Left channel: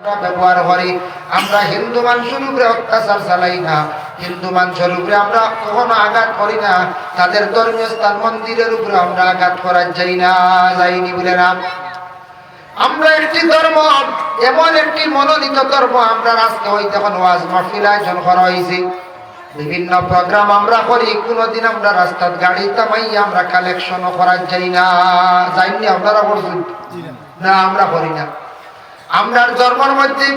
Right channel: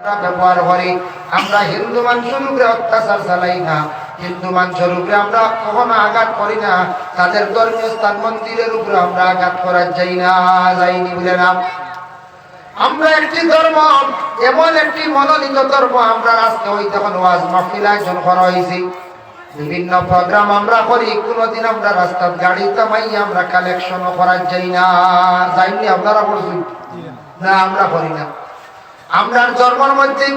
ব্যবহার করি। আমরা হিন্দু মানুষের উপরে অত্যাচার চালাই না, হিন্দু মানুষের উপরে আমরা কখনো আঘাত করি না, তাদের ধর্মীয় স্থান মন্দিরের উপরে আমরা আঘাত করা যাইনি বলে না। আমরা একটি ধর্ম, এমন একটি মনোনীত ধর্ম, আমরা আজকে ওই তখন ওয়াজ মাহফিল আয়োজন করা হয়েছে, বিভিন্ন প্রোগ্রাম আমরা করি, কোনোদিন আমরা রাস্তার গাড়ি থামাইয়া আমরা কালেকশনও করা যাইনি। আপনারা বলছেন না, আমরা করি না। আমরা ধর্মের মধ্যে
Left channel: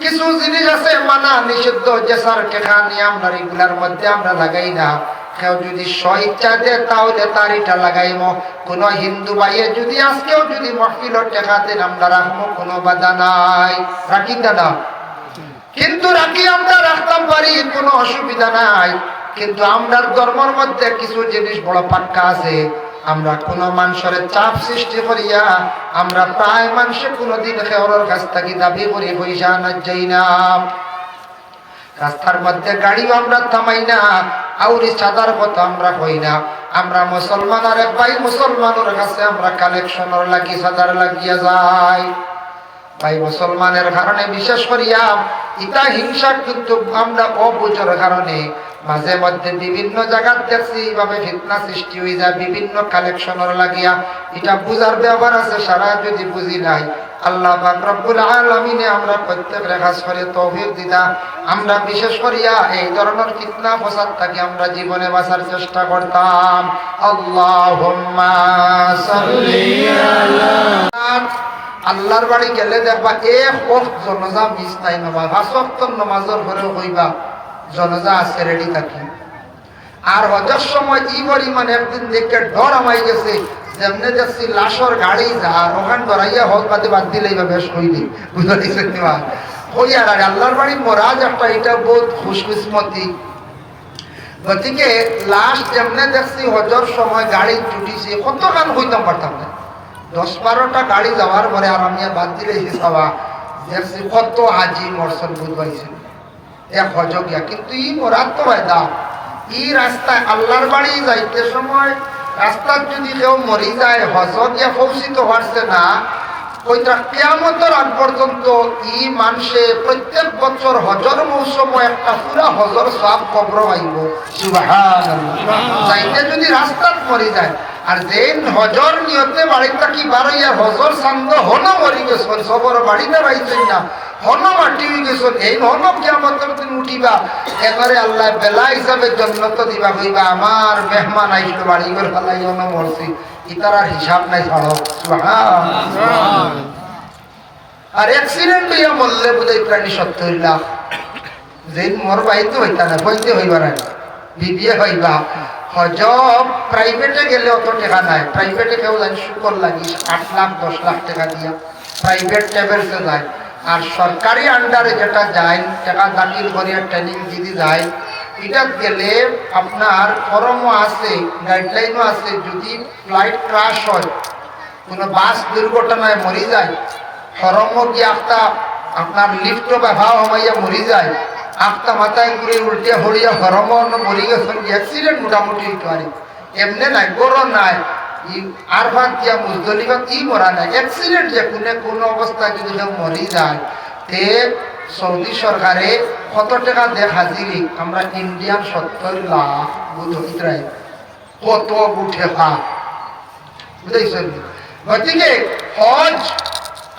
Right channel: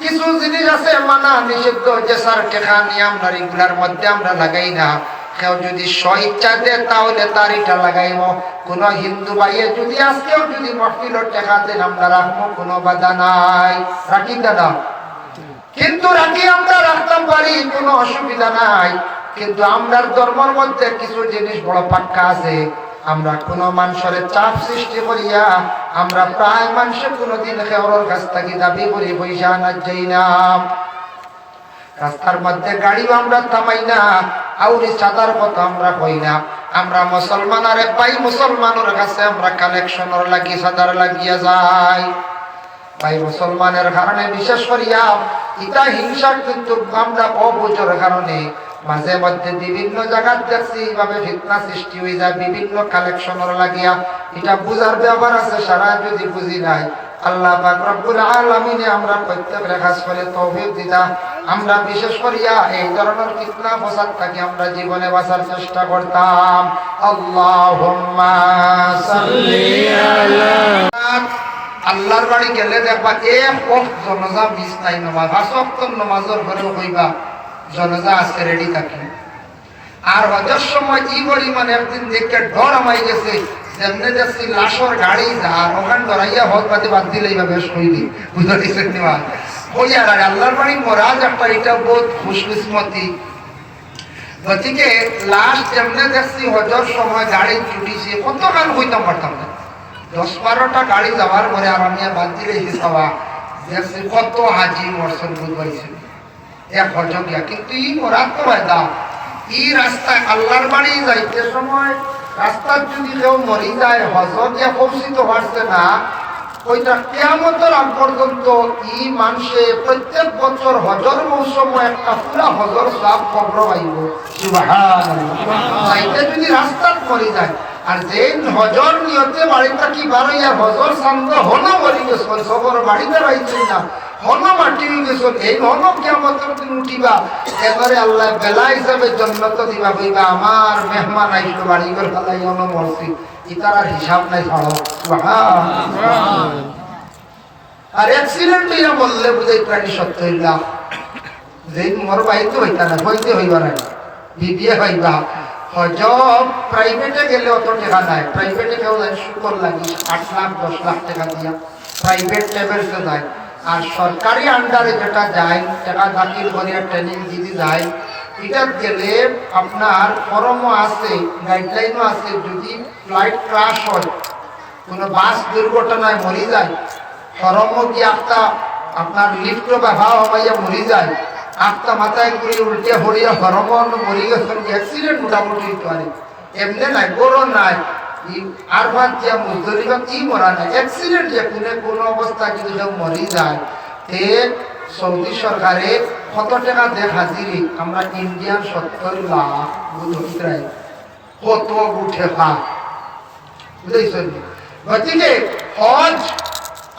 কিছু জিনিস আছে মানা নিষিদ্ধ, যে স্যার টেকা নিয়ে আমরা এগুলার মধ্যে আমরা লাগাই না। কেউ যদি স্বইচ্ছা দেয় তাহলে তার এটা লাগাইব। কোন হিন্দু ভাইয়ে যদি আজকেও যদি মহফিল টেকা দেন আমরা রাখবো, কোনো বাধা নাই, রাখি দাদা। কিন্তু রাখি আমরা রাখতাম পারি, কোনো অসুবিধা নাই। কিন্তু আমরা ধর্মের মধ্যে কিছু জিনিস বড় পাক্কা আছে। আমরা কোন মানুষের চাপ সৃষ্টি করিয়া আমরা প্রায় মানুষের কোনদিন কেউর কাছ থেকে দাবি করে পয়সা আনা যাই না। রাস্তার মধ্যে গাড়িও আমরা থামাই না, আউরি চাঁদার কথা আমরা কই না। আমরা মুসলমান আরে ভাই মুসলমানের কাছে আমরা কালেকশনের লাগি চাঁদার লাগিয়া যাই। ভাই মুসলমানের কারণে বিশেষ করিয়া ইটা হিংসা কিন্তু আমরা অবুঝের কারণে মাঝে মধ্যে বিভিন্ন জায়গার দেখছি এইভাবে ফিতনা সৃষ্টি হয়ে যায় বিভিন্ন কালেকশনের লাগিয়া। এটা বুঝার ব্যবহার আছে, সারা যদি বুঝি নাই আল্লাহ পাক রব্বুল আলামিনে আমরা প্রত্যেকের কাজ করে তৌফিক দিতা। আমরা বিশেষ করিয়া এই ধরনের ফিতনা ফসাদ থেকে আমরা জীবনে বাঁচার চেষ্টা করতাম। আল্লাহুম্মা সাল্লি আলা। আল্লাহর বাড়ি গেলে দেখবা এক ওয়াক্ত জনাজা মিস নাই, নামাজ 5 ওয়াক্ত নামাজের পরে কইবা জনাজা আজকে রেডি থাকি। আর হজের সময় ই পরিমাণে একদিন দেখে ডর আমাই গেছে, যেমনি দেখছি লাশর গাড়ি আর ওখান ধরাইয়া হজ পাতি বাদ দিলে এইভাবে শহীদি বুঝতে দিচ্ছেন নিবা ওই। আর আল্লাহর বাড়ি মরাজ একটা, এটা বহুত খুশকিসমতি। গতিকে লাশ যেমনি দেখছি হজের সময় গাড়ি ছুটিছে, কত গান হইতাম পারতাম না। 10-12টা গাড়ি যাওয়ার পরে আর আমি বাদ দিলে হিসাবা দেখছি কত হাজি মরসন বুঝবাইছে এক হজ গিয়া। কিন্তু ই মরাত তো বায়দা ই রাস্তায় আল্লাহর বাড়ি যাইতে সময় রাস্তার যদি কেউ মরি যায়, হজর যে পৌঁছিত পারছে না, ওইটা কিয়ামতের আগ পর্যন্ত ই মানুষে প্রত্যেক বছর হজর মৌসুম একটা পুরা হজর সব কবর আইব। সুবহানাল্লাহ। যাইতে যদি রাস্তার মরি যায়, আর যে হজর নিয়তে বাড়িটা কি বারইয়া হজর সান্দ হন মরি গেছেন, সবর বাড়িতে রাইছেন না, হন মাটি গেছেন, এই হন কিয়ামতের দিন উঠিবা, এবারে আল্লাহ বেলা হিসাবে জন্নত দিবা, কইবা আমার মেহমান আইসলো বাড়ি করে ফেলাই হন মরছি, ইতার হিসাব নাই ছাড়ো। আর অ্যাক্সিডেন্ট ইয়া বললে বুঝাই প্রাণী 70 লাখ। যেদিন মোর বাইতে হইতা না, হইতে হইবার বিবিএ হইবা। হজব প্রাইভেটে গেলে অত টাকা নাই, প্রাইভেটে কেউ যায় শুকর লাগি 8 লাখ 10 লাখ টাকা দিয়া প্রাইভেট লেভেলতে যায়। আর সরকারি আন্ডারে যেটা যায়, টাকা দাখিল করিয়া ট্রেনিং যদি যায়, এটা গেলে আপনার ফরমও আছে, গাইডলাইনও আছে। যদি ফ্লাইট ক্রাশ হয়, কোনো বাস দুর্ঘটনায় মরি যায়, ফরমও গিয়ে আপনার লিফ্টও ব্যবহার হইয়া মরি যায়, আটটা মাথায় ঘুরে উল্টে হরিয়া হরমন মরি গেছেন। অ্যাক্সিডেন্ট মোটামুটি পারে, এমনি নাই বড় নাই। আর ভাবছিয়া মুজদলিফা কি মরা নাই, অ্যাক্সিডেন্ট যে কোন অবস্থায় যদি কেউ মরি যায়, তে সৌদি সরকারে কত টাকা দেখ হাজিরি, আমরা ইন্ডিয়ান 70 লাখ বুঝাই কত উঠে পা বুঝেছেন। গতিকে হজ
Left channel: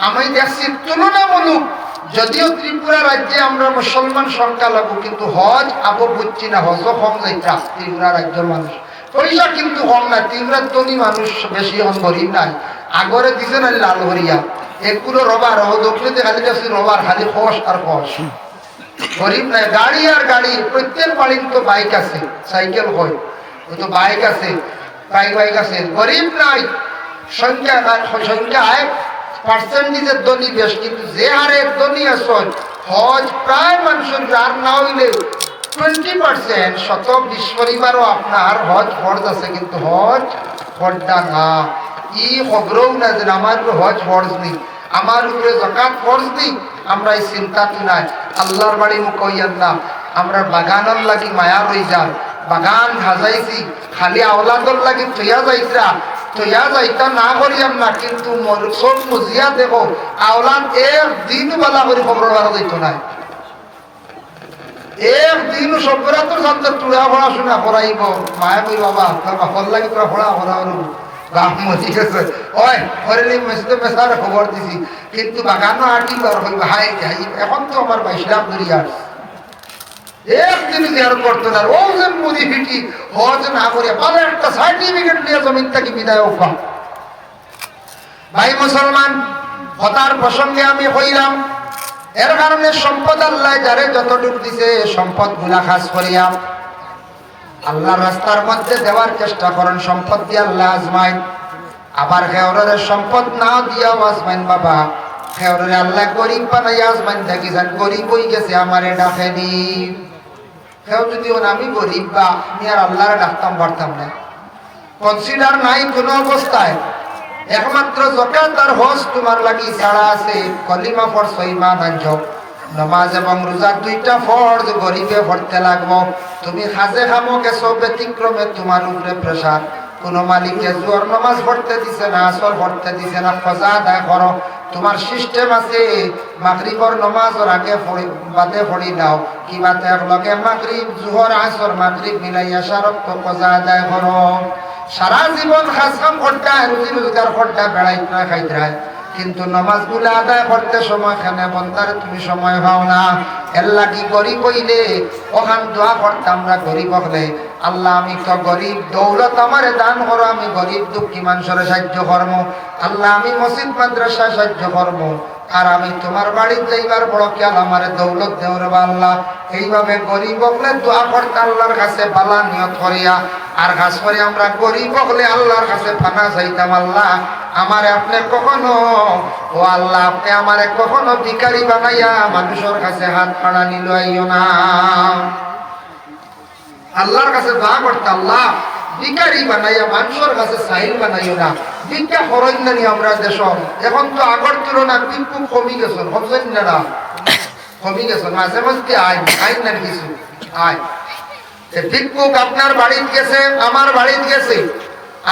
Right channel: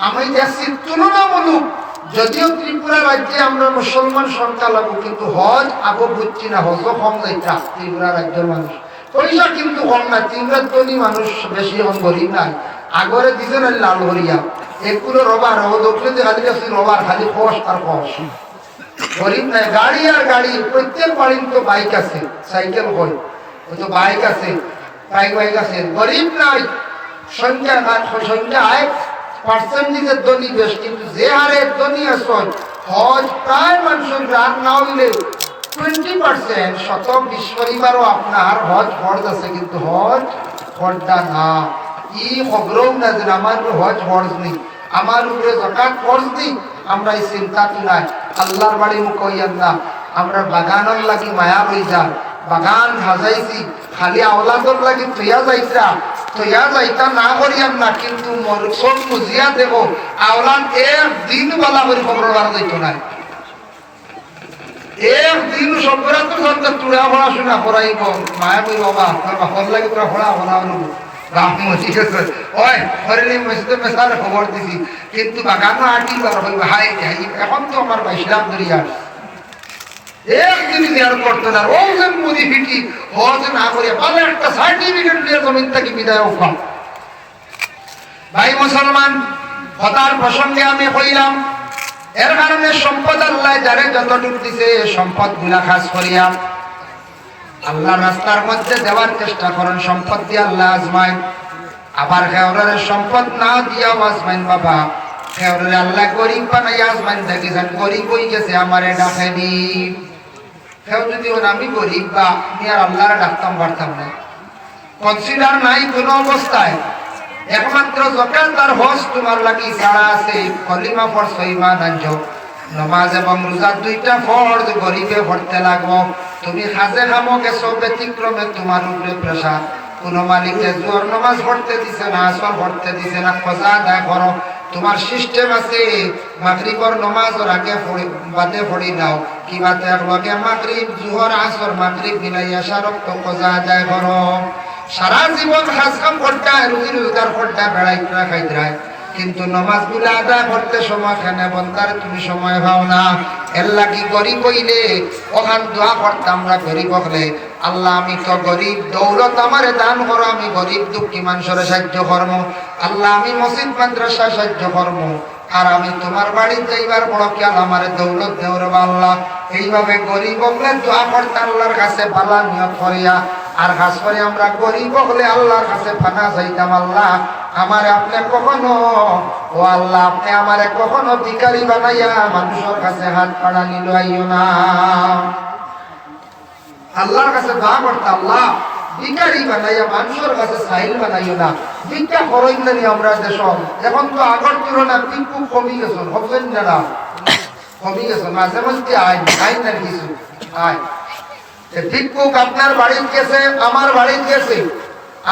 আমি দেখছি তুলনামূলক, যদিও ত্রিপুরা রাজ্যে আমরা মুসলমান সংখ্যা লাগবো, কিন্তু হজ আবো বুঝছি না, হজও কম যাইতা ত্রিপুরা রাজ্যের মানুষ, পয়সা কিন্তু কম না। ত্রিপুরার ধনী মানুষ বেশি গরিব নাই। আগরে দিছেন লাল হরিয়া এগুলো রবার দক্ষিণে খালি দেখছি রবার, খালি খস আর খস, গরিব নাই। গাড়ি আর গাড়ি, প্রত্যেক বাড়ির তো বাইক আছে, সাইকেল হয় তো বাইক আছে, বাইক আছে, গরিব নাই। সংখ্যা সংখ্যায় পার্সেন্টেজের ধনী বেশ, কিন্তু যে হারে ধনী আসল হজ প্রায় মানুষের আর না হইলে 20% 120 পরিবারও আপনার হজ ফরজ আছে, কিন্তু হজ ফরজা না। ই খবরও না যে আমার হজ ফরজ নেই, আমার উপরে যাকাত ফরজ নেই, আমরা এই চিন্তা তো নাই। আল্লাহর বাড়ি মুখ হইয়ান না, আমরা বাগানের লাগি মায়া হয়ে যান, বাগান সাজাইছি, খালি আওলাদর লাগি থইয়া যাইছা, তো ইয়া যাইতা না করিয়াম না, কিন্তু সব মুজিয়া দেখো আওলান একদিন বেলা করে খবর বাড়া যাইতো না, একদিন সভ্যরা তো সন্ত তুলা পড়াশোনা করাইব। মায়া কই বাবা তোর বাপর লাগে তোরা পড়া পড়া গাম ঠিক আছে ওই হরে মসজিদে মেসারে খবর দিছি, কিন্তু বাগানো আটি হাই এখন তো আমার বাইশলাম ধরিয়া একদিন দেয়ার করতো না। ও যে মুদি ফিটি হজ না করে ভালো একটা সার্টিফিকেট দিয়ে জমিন থেকে বিদায় পাম। ভাই মুসলমান, হতার প্রসঙ্গে আমি কইলাম, এর কারণে সম্পদ আল্লাহ যারে যতটুক দিছে সম্পদ গুলা খাস করিয়া আল্লাহর রাস্তার মধ্যে দেওয়ার চেষ্টা করেন। সম্পদ দিয়ে আল্লাহ আজমাইন, আবার খেওরের সম্পদ না দিয়া আজমাইন। বাবা খেওরের আল্লাহ গরিব বানাইয়া আজমাইন দেখিছেন, গরিব হয়ে গেছে আমারে ডাকেনি। কেউ যদি আমি গরিব বা আমি আর আল্লাহরে ডাকতাম পারতাম না, কনসিডার নাই কোনো অবস্থায়। একমাত্র যখন তার হজ তোমার লাগি ছাড়া আছে, কলিমা পড়ছো ইমান আনছো, নামাজ এবং রোজা দুইটা ফরজ গরিবে পড়তে লাগবো। তুমি খাজে খামো গেছো ব্যতিক্রমে তোমার উপরে প্রেসার, কোন মালিকে জোর নামাজ পড়তে দিছে না, আসর পড়তে দিছে না, কজা আদায় করো। তোমার সিস্টেম আছে মাগরিবর নামাজের আগে বাদে পড়ি নাও, কি বাদে লগে মাগরিব জোহর আসর মাগরিব মিলাইয়া সারক তো কজা আদায় করো। সারা জীবন কাজ কাম করতে রুজি রোজগার করতে বেড়াইতে খাইতে, কিন্তু নামাজ গুলা আদায় করতে সময় কেন বলতার তুমি সময় পাও না। এর লাগি গরিব হইলে ওখান দোয়া করতাম না, গরিব হলে আল্লাহ আমি তো গরিব, দৌলত আমারে দান করো, আমি গরিব দুঃখী মানুষের সাহায্য কর্ম। আল্লাহ আমি মসজিদ মাদ্রাসায় সাহায্য কর্ম, আর আমি তোমার বাড়িতে যাইবার বড় খেয়াল আমার দৌলত দেওয়ার আল্লাহ। এইভাবে গরিব হলে দোয়া করতে আল্লাহর কাছে বালা নিয়ত করিয়া, আর খাস করে আমরা গরিব হলে আল্লাহর কাছে ফানা চাইতাম, আল্লাহ আমার আপনি কখনো, ও আল্লাহ আপনি আমারে কখনো ভিখারি বানাইয়া মানুষের কাছে হাত কাড়া নিল আইও না। আল্লাহর কাছে দোয়া করতে, আল্লাহ ভিখারি বানাইয়া মানুষের কাছে সাহিল বানাইও না। ভিক্ষা খরচ জানি আমরা দেশ, এখন তো আগর তুলনা কিন্তু কমে গেছে, ভাবছেন না কমে গেছে, মাঝে মধ্যে আয় আয় না কিছু আয়। ভিক্ষুক আপনার বাড়িতে গেছে, আমার বাড়িতে গেছে,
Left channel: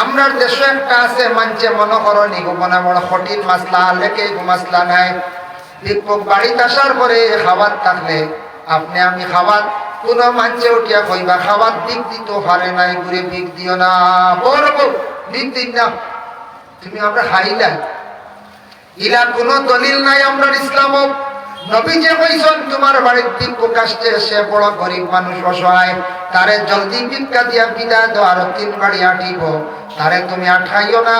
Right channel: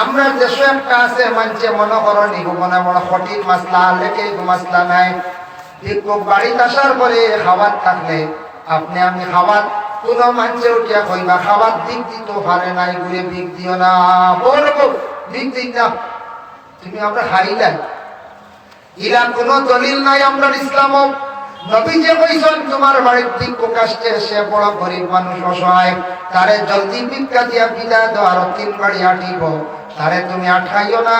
আমরা দেশে একটা আছে মানছে মনে করো নিগমনা বড় কঠিন মাসলা লেখে মাসলা নাই। ভিক্ষুক বাড়িতে আসার পরে খাবার থাকলে আপনি আমি খাবার কোন মানছে উঠিয়া কইবা খাবার দিক দিতে পারে নাই, ঘুরে দিক দিও না, বড় দিক দিক না, তুমি আমরা খাইলাই ইরা কোনো দলিল নাই। আমরা ইসলাম নবী যে কইছেন তোমার বাড়ির ভিক্ষুক আসতে, সে বড় গরিব মানুষ অসহায়, তারে জলদি ভিক্ষা দিয়া বিদায় দাও, আর 3 বাড়ি আটিব, তারে তুমি আঠাইও না।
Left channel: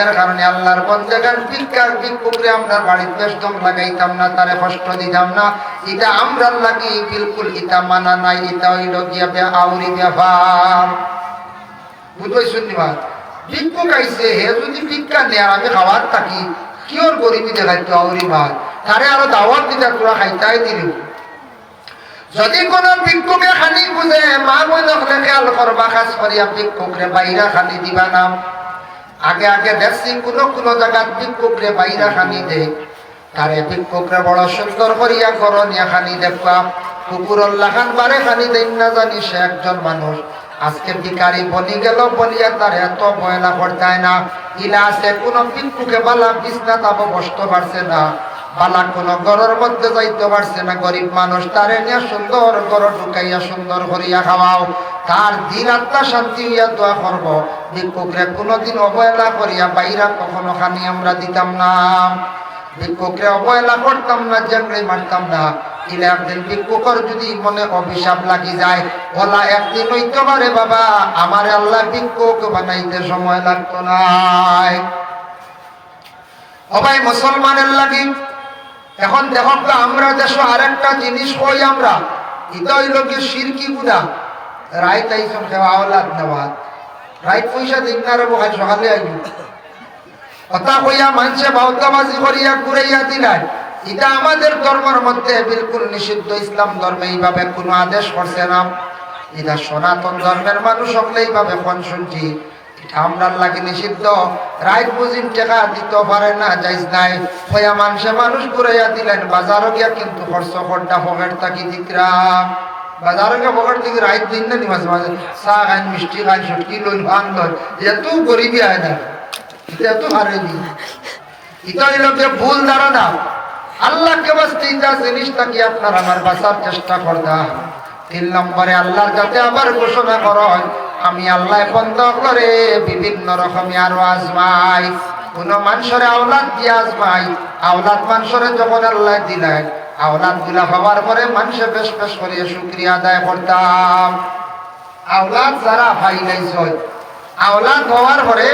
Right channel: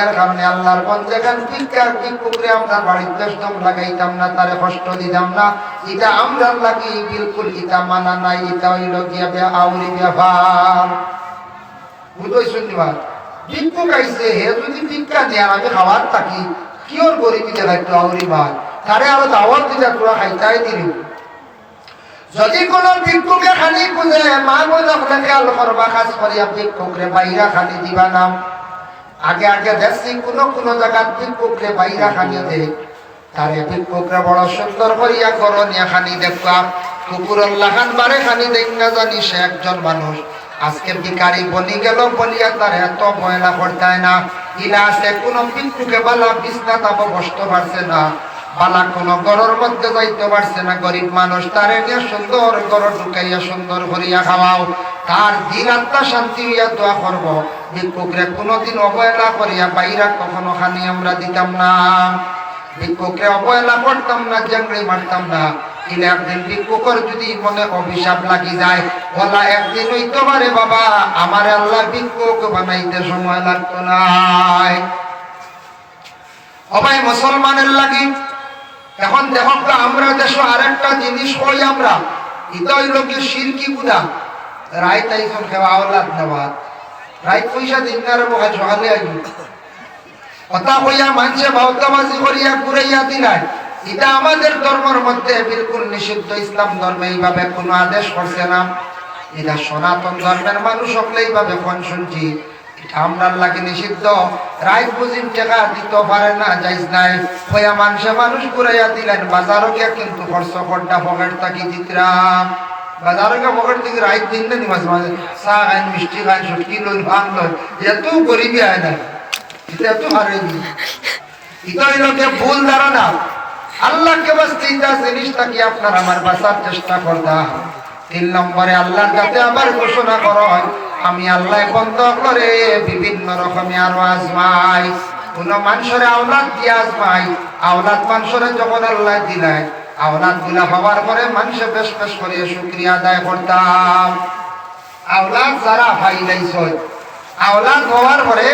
এর কারণে আল্লাহর বন্দেগান ভিক্ষুকরে আমরা বাড়ির বেষ্টম লাগাইতাম না, তারে কষ্ট দিতাম না। এটা আমরা লাগি বিলকুল ইটা মানা নাই, এটা হইল গিয়া আউরি ব্যাপার। বুঝই শুনিবা ভিক্ষুক আইছে, হে যদি ভিক্ষা দেয় আমি খাবার থাকি কিওর গরিবী দেখাইতো আউরি ভাই, তারে আরো দাওয়াত দিতে তোরা খাইতাই দিল। যদি কোন ভিক্ষুকে খালি বুঝে মা বলে খেয়াল করবা, খাস করিয়া ভিক্ষুকরে বাইরা খালি দিবা নাম। আগে আগে দেখছি কোন কোন জায়গার ভিক্ষুকরে বাইরা খালি দে, তারে ভিক্ষুকরে বড় সুন্দর করিয়া করনিয়া খালি দেখবা, কুকুরের লাগান বারে খালি দেন না জানি সে একজন মানুষ। আজকে ভিখারি বনি গেল বলিয়া তার এত ময়লা করতায় না। ইলা আছে কোন ভিক্ষুকে বালা বিছনা তাপ বসতে পারছে না, বালা কোন ঘরের মধ্যে যাইতে পারছে না, গরিব মানুষ তারে নিয়ে সুন্দর ঘর ঢুকাইয়া সুন্দর করিয়া খাওয়াও, তার দিন আত্মা শান্তি হইয়া দোয়া করবো। ভিক্ষুকরে কোনোদিন অবহেলা করিয়া বাইরা কখনো খানি আমরা দিতাম না, ভিক্ষুকরে অবহেলা করতাম না, জাংড়ে মারতাম না। ইলা একদিন ভিক্ষুকর যদি মনে অভিশাপ লাগি যায়, ওলা একদিন হইতে পারে বাবা আমার আল্লাহ ভিক্ষুক বানাইতে সময় লাগতো না। সবাই মুসলমানের লাগি এখন দেখো আমরা দেশে আরেকটা জিনিস কই, আমরা এটা হইল কি শিরকি গুণা। রাইত আইসন খেওয়া আওলাদ নেওয়া, রাইত পয়সা দিন না বহাই সকালে আইব কথা কইয়া মানুষে বাউতাবাজি করিয়া ঘুরাইয়া দিলাই, এটা আমাদের ধর্মের মধ্যে বিলকুল নিষিদ্ধ। ইসলাম ধর্মে এইভাবে কোনো আদেশ করছে না, এটা সনাতন ধর্মের মানুষ সকলে এইভাবে কোন শুনছি, আমরা লাগে নিষিদ্ধ। রাইত বুঝিম টেকা দিতে পারে না, যাইজ নাই হইয়া মানুষে মানুষ ঘুরাইয়া দিলেন, বাজারও গিয়া কিন্তু খরচ করটা পকেট থাকি দিতরাম, বাজারে গিয়ে পকেট থেকে রাইত দিন না মাঝে মাঝে চা খাই মিষ্টি খাই সুটকি লই ভাঙ লই, এত গরিবই হয় না। এটা তো হারেনি, এটা হইলকে ভুল ধারণা। আল্লাহকে বাঁচতে জিনিসটাকে আপনার আমার বাঁচার চেষ্টা করতা। 3 নম্বরে আল্লাহর কাছে আবার ঘোষণা করো, আমি আল্লাহ বন্ধ করে বিভিন্ন রকমের আরো আজমাই। কোন মানুষের আওলাদ দিয়ে আজমাই, আওলাদ মানুষের যখন আল্লাহ দিলেন, আওলাদ গুলা হওয়ার পরে মানুষে বেশ বেশ করে শুকরিয়া আদায় করতাম। আওলাদ যারা ভাই লাইছ, আওলাদ হওয়ার পরে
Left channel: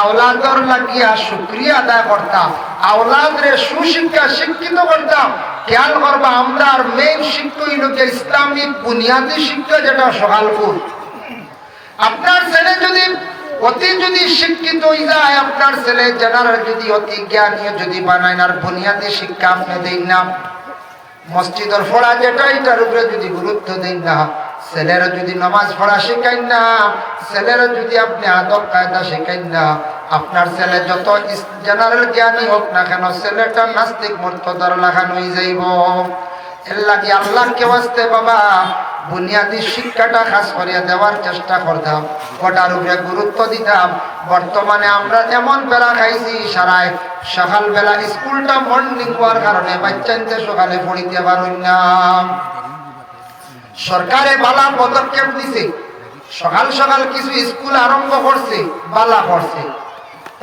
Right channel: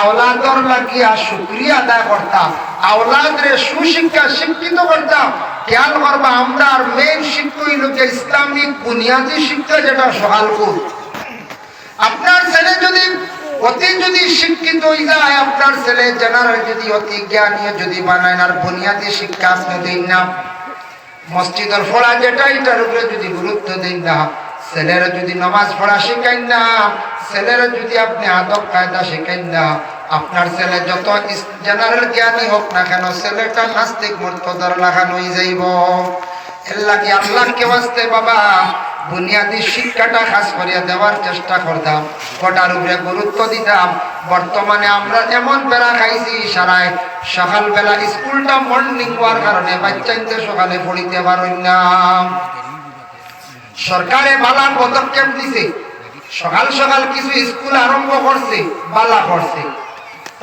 আওলাদর লাগিয়া শুকরিয়া আদায় করতাম, আওলাদরে সুশিক্ষা শিক্ষিত করতাম। খেয়াল করবা, আমরা মেইন শিক্ষা হইল যে ইসলামিক বুনিয়াদী শিক্ষা, যেটা সকালপুর। আপনার ছেলে যদি যদি শিক্ষিত হয়ে যায়, আপনার ছেলে জেনারেল যদি অতি জ্ঞানী যদি বানায়, আর বুনিয়াদী শিক্ষা আপনি দেন না, মসজিদের পড়া যেটা এটার উপরে যদি গুরুত্ব দেন না, ছেলেরা যদি নামাজ পড়া শেখাইন না, ছেলেরা যদি আপনি আদব কায়দা শেখাইন না, আপনার ছেলে যত জেনারেল জ্ঞানী হোক না কেন, ছেলেটা নাস্তিক মর্তদার লাগানো হয়ে যাইব। এর লাগে আল্লাহকে বাঁচতে বাবা বুনিয়াদী শিক্ষাটা খাস করিয়া দেওয়ার চেষ্টা করতাম, ওটার উপরে গুরুত্ব দিতাম। বর্তমানে আমরা এমন বেলা খাইছি, সারায় সকালবেলা স্কুলটা মর্নিং হওয়ার কারণে বাচ্চাকে সকালে পড়িতে পারি না। সরকারে বালা পদক্ষেপ দিছে, সকাল সকাল কিছু স্কুল আরম্ভ করছে, বালা করছে।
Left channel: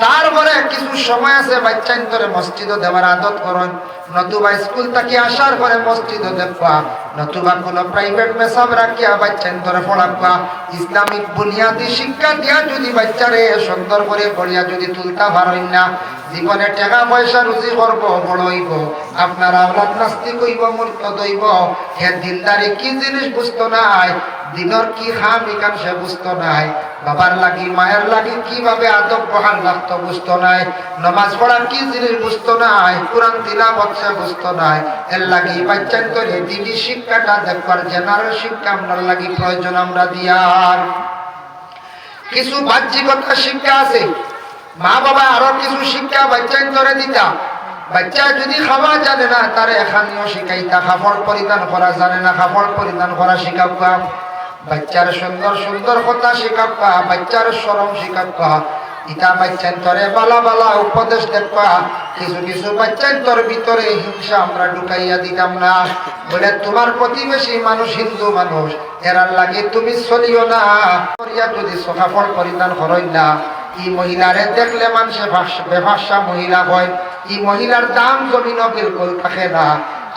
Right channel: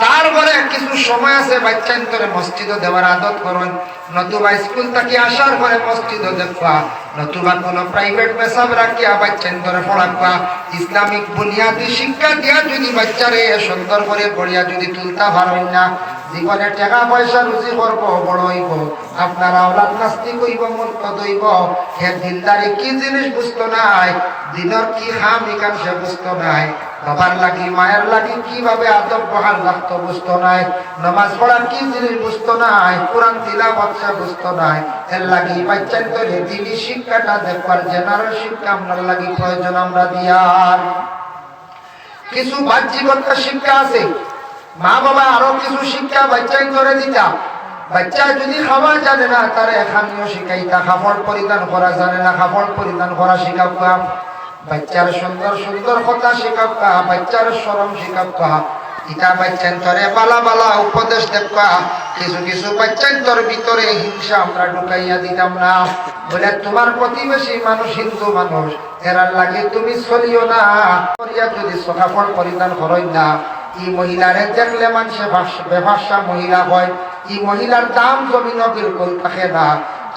তারপরে কিছু সময় আছে বাচ্চান করে মসজিদও দেওয়ার আদত করুন, নতুবা স্কুল থেকে আসার পরে মসজিদও দেখবা, নতুবা কোনো প্রাইভেট মেসাব রাখিয়া বাচ্চান করে পড়াবা। ইসলামিক বুনিয়াদী শিক্ষা দিয়া যদি বাচ্চারে সুন্দর করে পড়িয়া যদি তুলতে পারেন না, জীবনে টাকা পয়সা রুজি করব, বড় হইব, আপনার আওলাদ নাস্তিক হইব, মুরতাদ হইব। হে দিনদারি কি জিনিস বুঝতো নাই, দিনের কি খাম ইকাম সে বুঝতো নাই, বাবার লাগি মায়ের লাগি কিভাবে আদব বহাল লাগতো বুঝতো নাই, নামাজ পড়া কি জিনিস বুঝতো নাই, কোরআন তিলাওয়াত সে বুঝতো নাই। এর লাগি বাচ্চান করে দিনী শিক্ষাটা দেখবার জেনারেল শিক্ষা আপনার লাগি প্রয়োজন আমরা দিয়ার। কিছু বাহ্যিকতা শিক্ষা আছে, মা বাবা আরো কিছু শিক্ষা বাচ্চান করে দিতাম। বাচ্চা যদি খাওয়া জানে না, তারে এখানেও শিখাইতা, কাপড় পরিধান করা জানে না, কাপড় পরিধান করা শিখাবা, বাচ্চার সুন্দর সুন্দর কথা শিখাবা, বাচ্চার শরম শিখাবা। ইটা বাচ্চান্তরে বালা বালা উপদেশ দেখবা। কিছু কিছু বাচ্চান্তর ভিতরে হিংসা আমরা ঢুকাইয়া দিতাম না, বলে তোমার প্রতিবেশী মানুষ হিন্দু মানুষ, এরার লাগে তুমি চলিও না, যদি কাপড় পরিধান করই না। এই মহিলারে দেখলে মানুষে বেভাষা মহিলা হয়, এই মহিলার দাম জমিন বিলকুল থাকে না।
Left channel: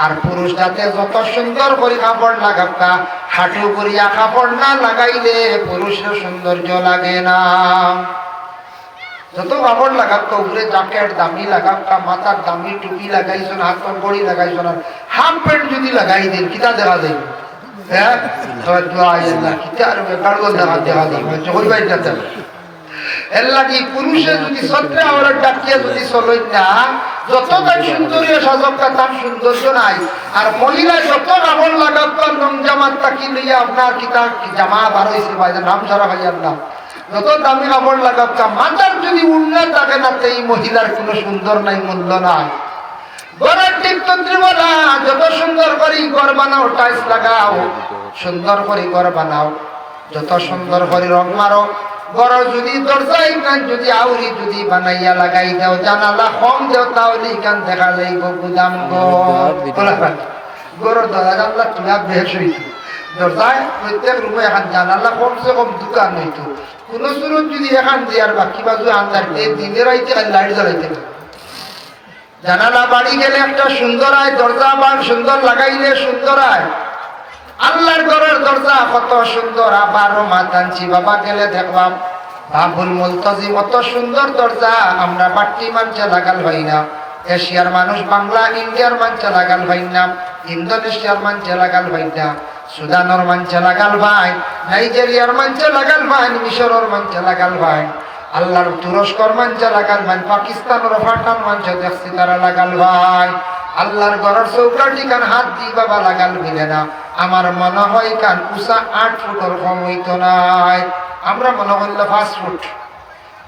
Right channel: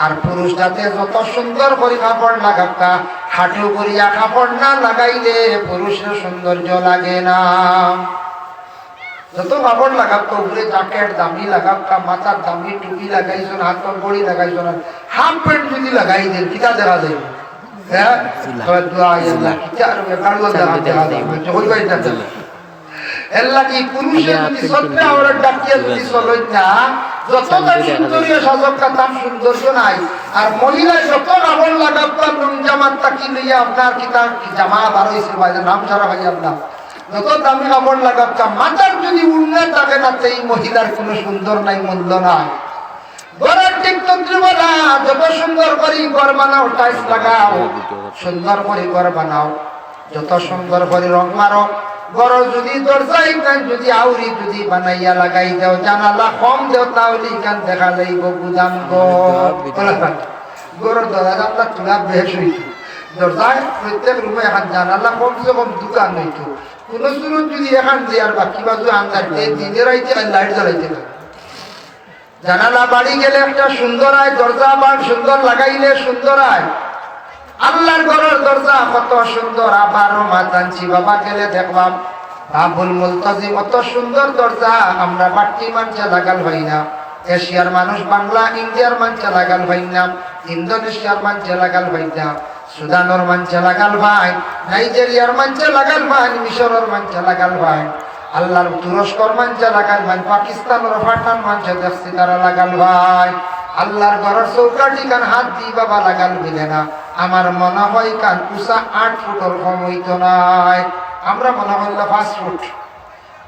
আর পুরুষ যাতে যত সুন্দর করে কাপড় লাগাকা, হাঁটু করিয়া কাপড় না লাগাইলে পুরুষের সৌন্দর্য লাগে না। যত কাপড় লাগাকা, উপরে জ্যাকেট দামি লাগাকা, মাথার দামি টুপি লাগাইছো, হাতর ঘড়ি লাগাইছো না, হাফ প্যান্ট যদি লাগাই দেন কিতা দেখা যাবে? হ্যাঁ, কিতা দেখা যাবে। এর লাগি পুরুষের যদি সত্রে আমরা ডাকিয়ে যদি চলই না, যত তার সুন্দরী সাজকা তার সৌন্দর্য নাই। আর মহিলা যত কাপড় লাগাবার রং জামাত তাকি লইয়া আপনার কিতা জামা বার হয়েছে ভাইদের নাম ছাড়া ভাইয়ার নাম, যত দামি কাপড় লাগাবা, মাথার যদি উন্নয় থাকে না, এই মহিলার কোনো সুন্দর নাই, মূল্য নাই। ঘরের টিপতন্ত্রী বলা, যত সুন্দর করে ঘর বানাও, টাইলস লাগাও, সুন্দর করে ঘর বানাও, যত সুন্দর করে রং মারো, ঘর যদি দরজাই যদি আউরি যদি বানাইয়া লাগাই দাও, জানালা কম দেও, তাহলে এখান দেখা যাইব গুদাম গরর দরজা জানলা তুলা বেশ হইত, দরজায় প্রত্যেক রুমে এখন জানালা কমসে কম দোকান হইত। কোন সুরত যদি এখান দিয়ার বাকি বাজু আন্দার দিনের আইতে লাইট জ্বালাইতে, জানালা বাড়ি গেলে একটা সুন্দর আয়, দরজা বান সুন্দর লাগাইলে সুন্দর আয়। আল্লাহর ঘরের দরজা কত সুন্দর, আবারও মাতানছি বাবা গেলে দেখলাম বাবুল মুলতাজিম, অত সুন্দর দরজা আমরা বাট্টি মানছে লাগাল ভাই না, এশিয়ার মানুষ বাংলা ইন্ডিয়ার মানছে লাগাল ভাই না, ইন্দোনেশিয়ার মানছে লাগাল ভাই না, সুদানোর মানছে লাগাল ভাই, নাইজেরিয়ার মানছে লাগাল ভাই, মিশরের মানছে লাগাল ভাই, আল্লাহর তুরস্কর মানছে লাগাল ভাই, পাকিস্তানের পাঠান মানছে দেখছি তারা লাগাল ভাই। আল্লাহর ঘরের চৌকাঠি কান হাত দিয়ে বাবা লাগাল মিলে না। আমার মনে হয় কান উষা 8 ফুটের কম হইতো নাই, আমরা মনে করলে 5 ফুট।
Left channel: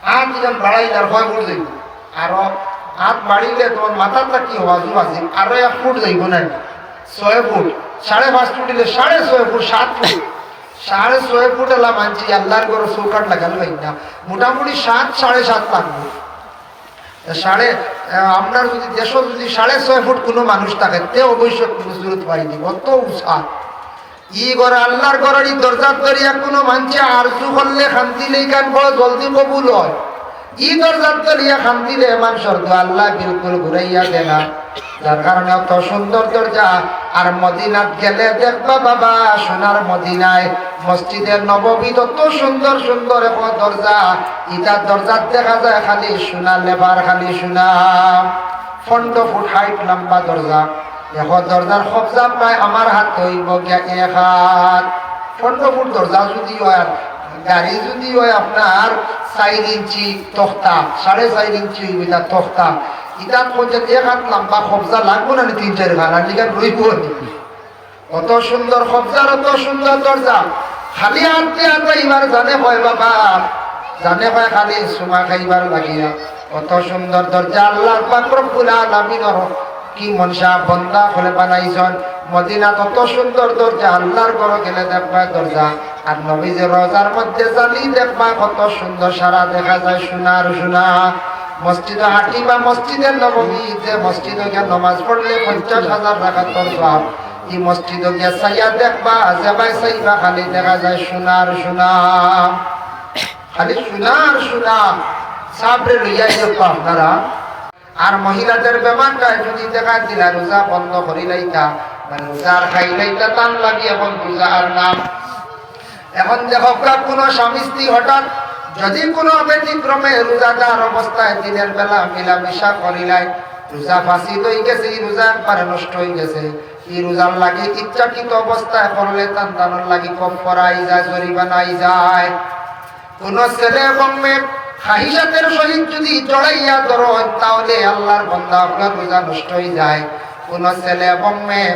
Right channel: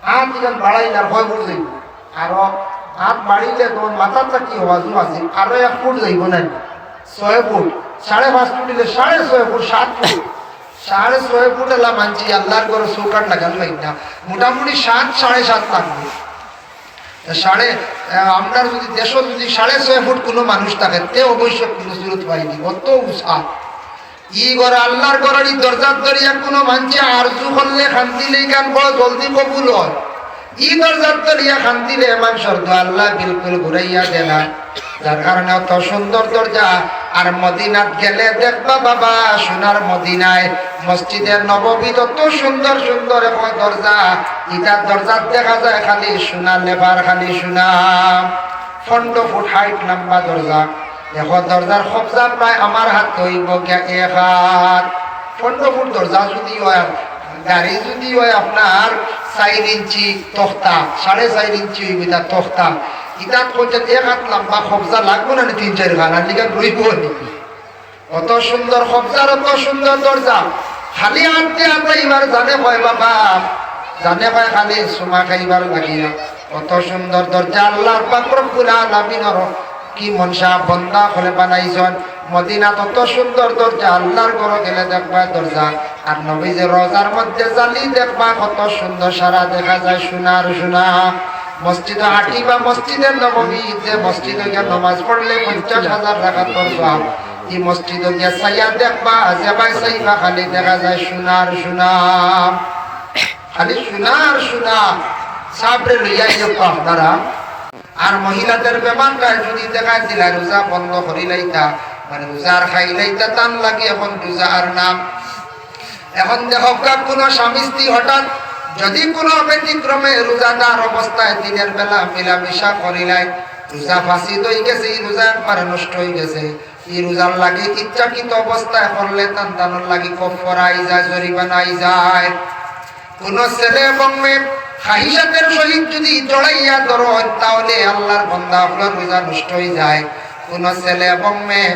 হাত যেন বাড়াইলে আর 6 ফুট যাইব, আরো হাত বাড়িলে তোমার মাথাটা কি হওয়াজু আছে, আরো 1 ফুট যাইব না, 6 ফুট, 5.5 ফুট দিলে 6.5 ফুট, 7 ফুট, 6.5 ফুট এলাম মানছি আল্লাহর ঘর চৌকাট লাগাল হয় না, মোটামুটি 7-7.5 লাগবে। আপনার যদি দেশ যদি 6.5 ফুট কোনো মানুষ থাকে তে অবশ্যই কোনো জরুরত পাইনি, অত উৎসাহ ই ঘর আল্লাহর ঘরের দরজার দরিয়া কোনো মানছে আরজু করলে শান্তি লেখান বড় জলদি কবুল হয়। ই দরজার দরিয়া শান্তিরে মানুষের দোয়া আল্লাহ বিলকুল ঘুরাইয়া দেয় না, যার কারণে অত সুন্দর দরজা। আর মদিনাত গেলে দেখবা বাবা সোনার মদিনায় মসজিদের নববীত অত সুন্দর সুন্দর এখন দরজা, ইটার দরজার দেখা যায় খালি সোনা লেবার, খালি সোনা 15 ফুট হাইট লম্বা দরজা। দেখো দরজার কবজা প্রায় আমার হাত হইব 1 হাত। 15 ফুট দরজা যদি হয়, গাড়ি যদি হয় আপনার 4 ইঞ্চি তক্তা, 4.5 ইঞ্চি হইব তার তক্তা, ইটাত করতে 1 হাত লম্বা কবজা লাগবো না 3-4 ঘাট আর লিখা রইব। অত সুন্দর কবজার অত সুন্দর দরজা, খালি আনতে আনতে এবার জানে হয় বাবা, জানে হয় খালি সোমা খাইবার লাগিয়া। অত সুন্দর দরজা আল্লাহর পাক রব্বুল আলামিনের কি মনসা বন্দা হলে বানাইছেন। মদিনা তত সুন্দর দরজা, আল্লাহর ঘরে গেলে দেখবা দরজা। আর নবীজের রোজার মধ্যে জালি দেখবা কত সুন্দর সারা দেখা যায় সোনার সোনা। মসজিদে হাঁটিবা, মসজিদের নববীতে মসজিদে গিয়ে নামাজ পড়লে 50,000 রাকাত সওয়াব। এই মসজিদে গিয়ে সাইয়া দেখবা যেবাই সাইবা খালি দেখা যায় সোনার সোনা, খালি সোনার সোনা। সাবরে লইয়া যেত আপনারা। আর মহিলাদের ব্যাপারটা যদি দেখা দিলা রোজা বন্ধ করি লাইতা, মানে রোজার খাই লাইতা টান লাগি এখন রোজা আর নাম। এখন দেখো কোনো স্বামী স্ত্রী হঠাৎ যদি কোনো ব্যতিক্রমে রোজাদার অবস্থায় দিনের বেলা মিলামিশা করিলাই, রোজা ফাঁসি হয়ে গেছে, এই রোজা একবারে নষ্ট হয়ে গেছে। এই রোজার লাগে ইচ্ছাকৃত অবস্থায় করলে তান্তানোর লাগে কফারাই যায়, জরিমানাই যায়। কোন ছেলে এবং মেয়ে খাহিসাতের সহিত যদি জড়াইয়া ধরেন তাহলে আল্লাহর বান্দা আপনার রোজা নষ্ট হয়ে যায়। কোন ছেলে এবং মেয়ে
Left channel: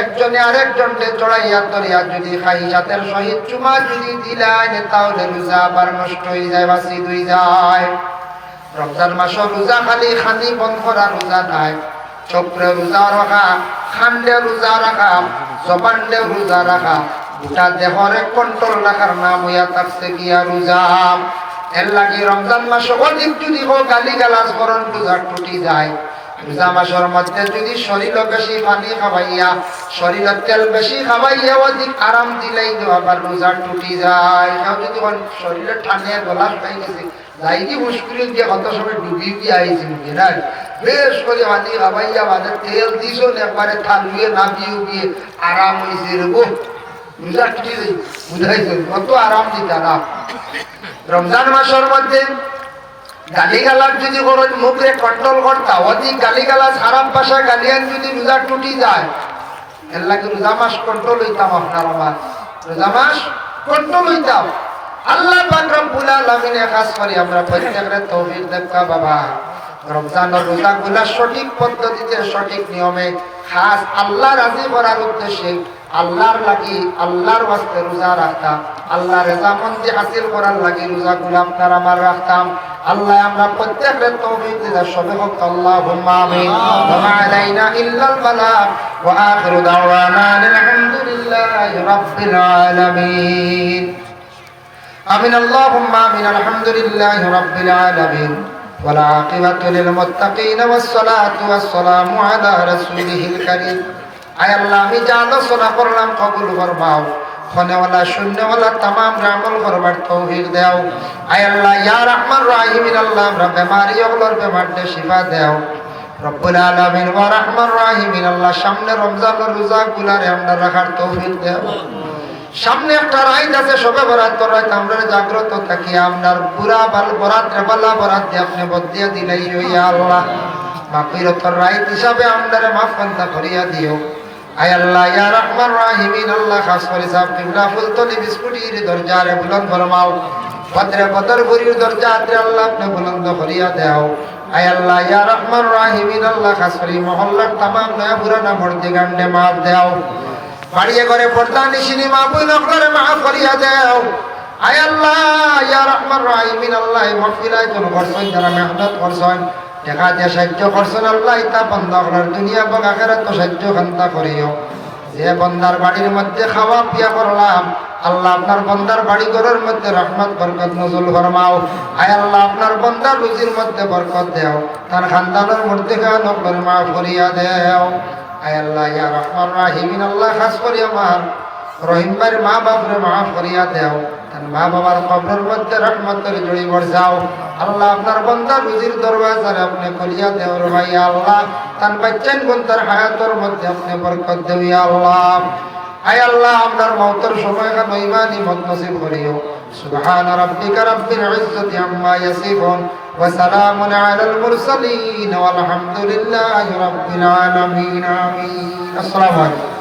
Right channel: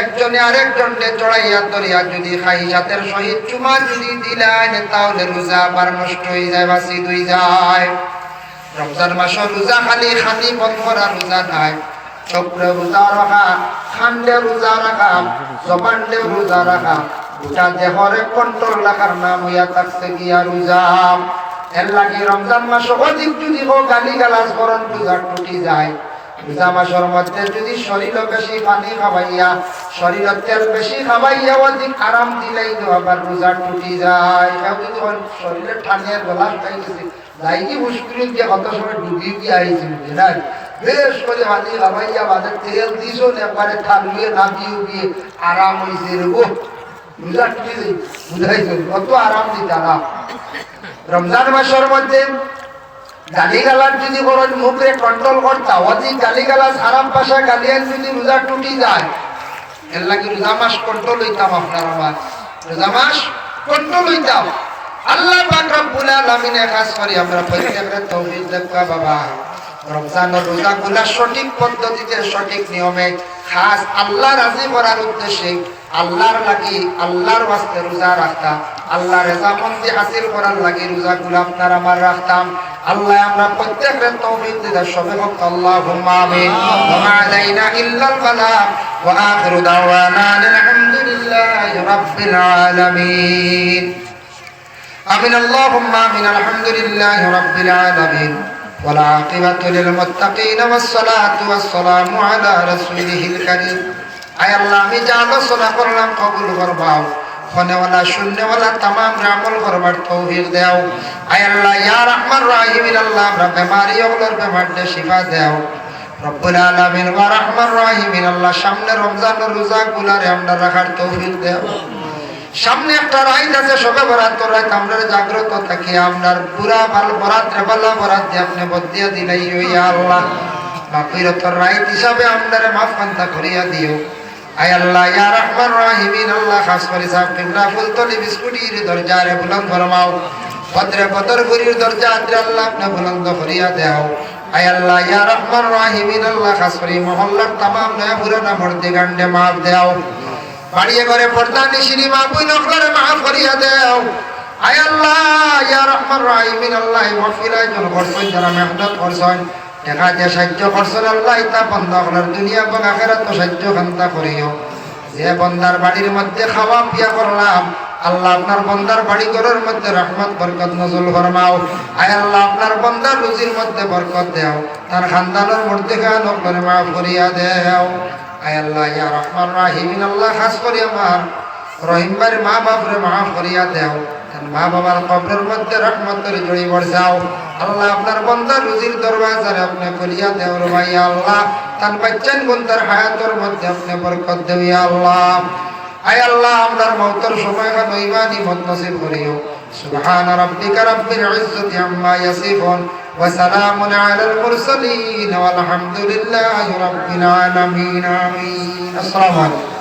একজনে আরেকজনকে জড়াইয়া ধরিয়া যদি খাহিসাতের সহিত চুমা যদি দিলেন তাহলে রোজা আবার নষ্ট হয়ে যায়, বাসিদ হয়ে যায়। রমজান মাসের রোজা খালি খানি বন্ধ করা রোজা নাই, চক্রে রোজা রাখা, খান্ডে রোজা রাখা, জবান্ডে রোজা রাখা, গোটা দেহরে কন্ট্রোল রাখার নাম হইয়া থাকছে গিয়া রোজা। এর লাগি রমজান মাস অধিক যদি গালি গালাজ করেন রোজা টুটি যায়। রোজা মাসের মধ্যে যদি শরীরে বেশি পানি খাওয়াইয়া, শরীরে তেল বেশি খাওয়াইয়া অধিক আরাম দিলেই তো আবার রোজা টুটি যায়। যদি শরীরে ঠান্ডে গলা খাইতেছে যাই কি মুশকিল দিয়ে কত সময় ডুবিয়ে দিয়ে আইছি মুখে না, বেশ করে পানি খাওয়াইয়া বাজার তেল দিছ একবারে ঠান্ডুয়ে নামিয়ে উঠিয়ে আরাম হয়েছে রেবো রোজা টুটি বুঝাইছে কত আরাম দিতে আরাম। রমজান মাসের মধ্যে গালিগালাজ যদি করেন মুখে কন্ট্রোল করতা, অধিক গালিগালাজ হারাম পাশা গালিয়ান যদি রোজা টুটি যায়, এর লাগে রোজা মাস কন্ট্রোল হইতাম। আপনার আমার রোজা মাস কন্ট্রোল হইতাম। আল্লাহ পাক রব্বুল আলামিনে খাস করে আমরা প্রত্যেকের তৌফিক দেখা বাবা রমজানের রোজাগুলা সঠিক পদ্ধতিতে সঠিক নিয়মে খাস আল্লাহ রাজি করার উদ্দেশ্যে আল্লাহর লাগি আল্লাহর ওয়াস্তে রোজা রাখতাম, আল্লাহ রেজামন্দি হাসিল করার লাগি রোজাগুলো আপনার আমার রাখতাম। আল্লাহ আমরা প্রত্যেকের তৌফিক দিতে সবে হোক আল্লাহুম্মা আমিন। ওয়া মা আলাইনা ইল্লাল বালাগ ওয়া আখিরু দাওয়ানা আলহামদুলিল্লাহি রাব্বিল আলামিন। আমিন আল্লাহুম্মা আমিন। আলহামদুলিল্লাহি রাব্বিল আলামিন ওয়াল আকিবাতু লিল মুত্তাকিন ওয়াস সালাতু ওয়াস সালামু আলা রাসূলিহিল কারীম। আয় আল্লাহ আমি যা আলোচনা করলাম কবুল ফরমাও, খনেওয়ালা শূন্যওয়ালা তামাম আমল করবার তৌফিক দাও। আয় আল্লাহ ইয়া রাহমান রাহিমিন আল্লাহ আমরা বেমারি ওগুলোর বেমারকে শিফা দাও রব্বুল আলামিন। ওয়া রাহমান রাহিমিন আল্লাহ সামনে রমজানের রোজাগুলারে আমরা রাখার তৌফিক দাও। সামনে একটা রাত আছে সবে বরাত রাত, আমরা জাগ্রত থাকি আপনার পুরা ভালো বরাত রেবালা বরাত দিয়ে আপনি বদিয়া দিলাই ইয়া আল্লাহ। মাগফিরাতের রাত হিসাবে আপনারে মাফ কান্তা করিয়া দিও। আয় আল্লাহ ইয়া রাহমান রাহিমিন আল্লাহ খাস করে সাহেব কিবলা ফুলতলি বিস্কুটির দরজারে বুলন্দ ফরমাও, বদরে বদরপুরীর দরজাতে আল্লাহ আপনি বুলন্দ করিয়া দাও। আয় আল্লাহ ইয়া রাহমান রাহিমিন আল্লাহ খাস করে মহল্লার तमाम নয়া পুরানা মর্দে গান্ডে মাফ দাও, বাড়িয়ে করে পর্দা নিশিনি মা বইন করে মাফ করিয়া দাও। আয় আল্লাহ ইয়া রাহমান রাহিমিন আল্লাহ মাগফিরাত জন করছেন যারা মেহনত করছেন টাকা দিয়ে সাহায্য করছেন আল্লাহ ইতা বন্ধা করার দুনিয়া এবং আখিরাত তো সাহায্য খান্তা করিও। যে বন্দার বাড়ির মধ্যে খাওয়া পিয়া করলাম আল্লাহ আপনার বন্দার বাড়ি ঘরের মধ্যে রহমত বরকত নজুল ফরমাও। আয় আল্লাহ আপনার বন্দার রুজির মধ্যে বরকত দেও, তার খানদানের মধ্যে খান আপনার মাফ করিয়া দেও। আয় আল্লাহ ইয়া রহমান রাহিমিন, আল্লাহ খাস করি আমার রহিম ভাইয়ের মা বাপরে মাফ করিয়া দেও, তার মা বাবার কবরের মধ্যে রহমতের জড়ি বর্ষাও। আল্লাহ আপনার বন্দার রুজির দরওয়াজারে আপনি করিয়া দেও রে ভাই আল্লাহ, তার বাচ্চান গুনতার হায়াতের মধ্যে আপনি বরকত দেও ইয়া আল্লাহ। আয় আল্লাহ আমরার মওতের সময় খান ইমানি মত নসিব করিও। সুবহান রাব্বিকা রাব্বিল ইজ্জাতি আম্মা ইয়াসিফুন ওয়া সালামুন আলাল মুরসালিন ওয়াল হামদুলিল্লাহি রাব্বিল আলামিন। আমিন। আসসালামু আলাইকুম।